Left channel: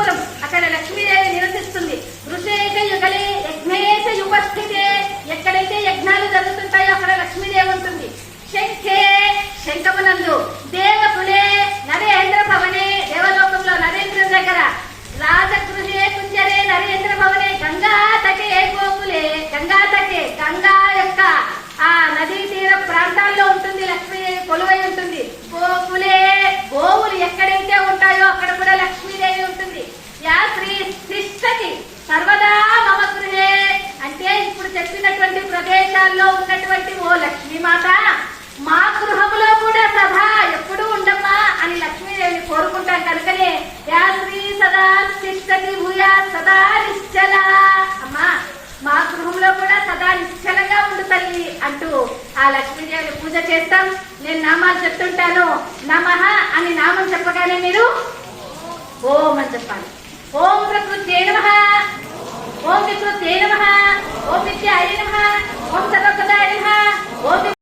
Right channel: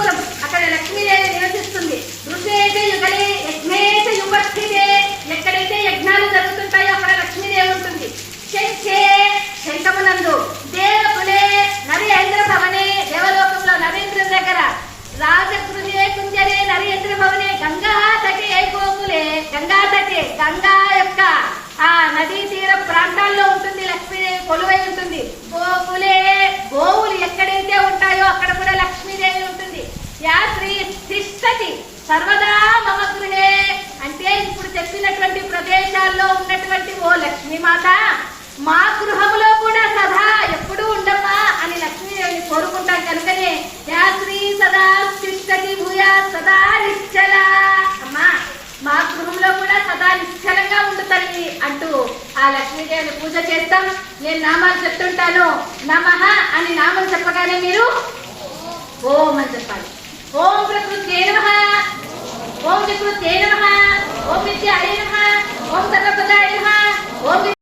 గురుకులం, అక్కడ లక్ష్మీదేవి నివసిస్తుంది. ఋషేచ యుగలే యజ్ఞేచ యుపస్థితే, ఎక్కడైతే యజ్ఞాలు జరుగుతుంటాయో అక్కడ లక్ష్మీదేవి ఉంటుంది. శంఖే శంఖమునందు, దేవకులే నరేంద్ర భవనే దేవలోకంలో నరేంద్రుని దగ్గర, రాజగృహే కుంజరే నరేంద్ర భవనే, గంగా తటే గోకులే గంగా తటే గంగా యొక్క ఆ నదీ తీర ప్రాంతాల్లో ఉంటుంది లక్ష్మీదేవి కొలువై ఉంటుంది. గోకులే గోవులు ఎక్కడైతే ఉంటాయో అక్కడ కూడా లక్ష్మీదేవి ఉంటుంది. యా శ్రీ తిష్టతి సర్వదా మమ గృహే, అంటే ఇప్పుడు చెప్పినటువంటి ప్రదేశాల్లో ఉన్నటువంటి ఓ లక్ష్మీమాత మా గృహములో కూడా సదా ఎప్పుడూ ఉండమ్మా అని లక్ష్మీదేవిని కోరుకుంటాం. కనుకనే యా శ్రీ సదా తిష్టతి భూయా సదా నిశ్చల, అమ్మా మా గృహంలో కూడా సదా నిశ్చలంగా ఉండు తల్లి అంటూ ఆ లక్ష్మీదేవిని పూజ చేస్తాం. నేను నామాలు చెప్తుంటాను. నమః అని నామం చెప్పగానే మీరు ఓం అని చెప్పాలి. ఓం ప్రకృతే నమః, ఓం వికృతే నమః, ఓం విద్యాయ నమః, ఓం